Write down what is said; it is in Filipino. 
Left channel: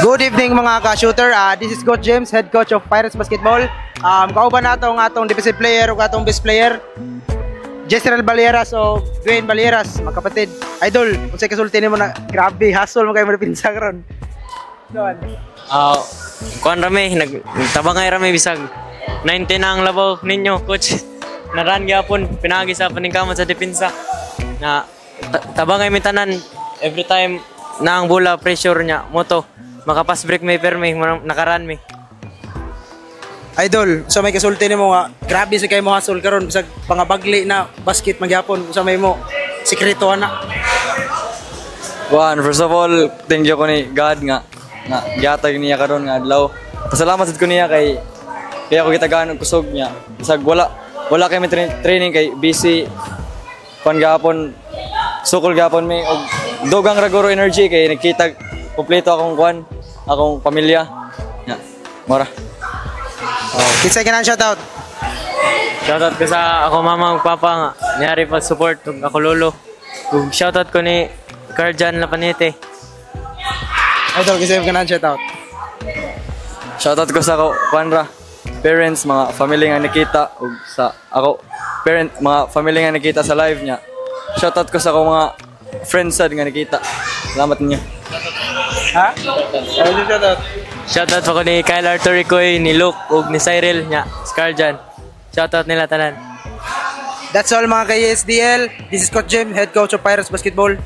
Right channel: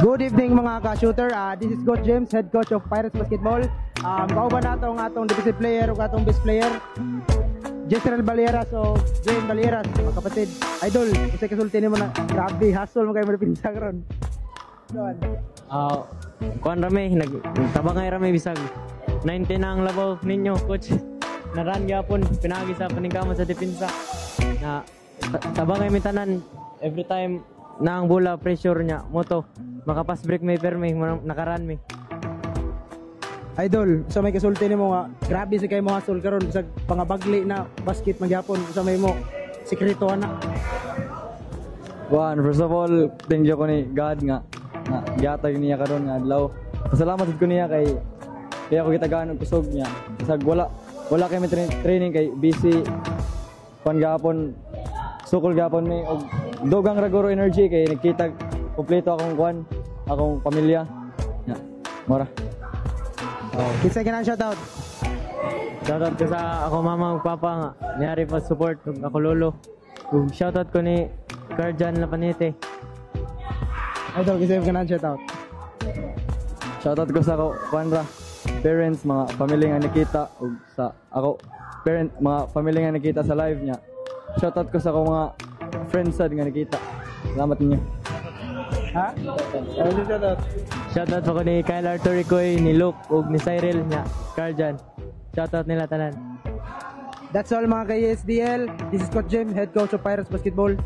Good evening mga ka-shooter. This is Coach James, head coach of Pirates Basketball. Kauban nato ang atong defensive player ug atong best player, Jezreel Balieras o Dwayne Balieras, mga kapatid. Idol, unsay kasulti nimo na grabe hustle mo kay mo pinsa karon. Kuan rami, nagtabangay rami bisag 90 na ang labaw ninyo, coach. Naran gyapon pinagi sa paningkamot sa depensa. Na tabangay mi tanan every time na ang bola pressure niya moto. Makapas break may permi nakaran mi. Idol, sa may kasulti nimo nga grabe sa kay mo hustle karon bisag pangabagli na basket magyapon sa may mo sikreto ana. Juan, first of all, thank you ko ni God nga gihatag niya karon nga adlaw. Pasalamat sad ko niya kay kaya ko gitagaan og kusog niya. Bisag wala kay may training kay busy kon gapon sukol gapon mi og dugang raguro energy kay nakita kompleto akong pamilya. Ya, mora. Kinsay ka na shoutout? Shoutout ko sa ako mama ug papa nga niyari pag-support ug ako lolo. Ug shoutout ko ni Carjan Lapanete. Idol, kinsay ka na shoutout? Shoutout ko sa ako parents, mga family nga nakita ug sa ako mga family nga nakita sa live niya. Shoutout ko sa ako mga friends sad nga nakita. Salamat ninyo. Ha? Shoutout. Shoutout pa ko ni Kyle Arturicoy, ni Luke ug ni Cyril nya, Scarjan. Shoutout nila tanan. That's all mga ka-ESDL. This is Coach Jim, head coach of Pirates Basketball.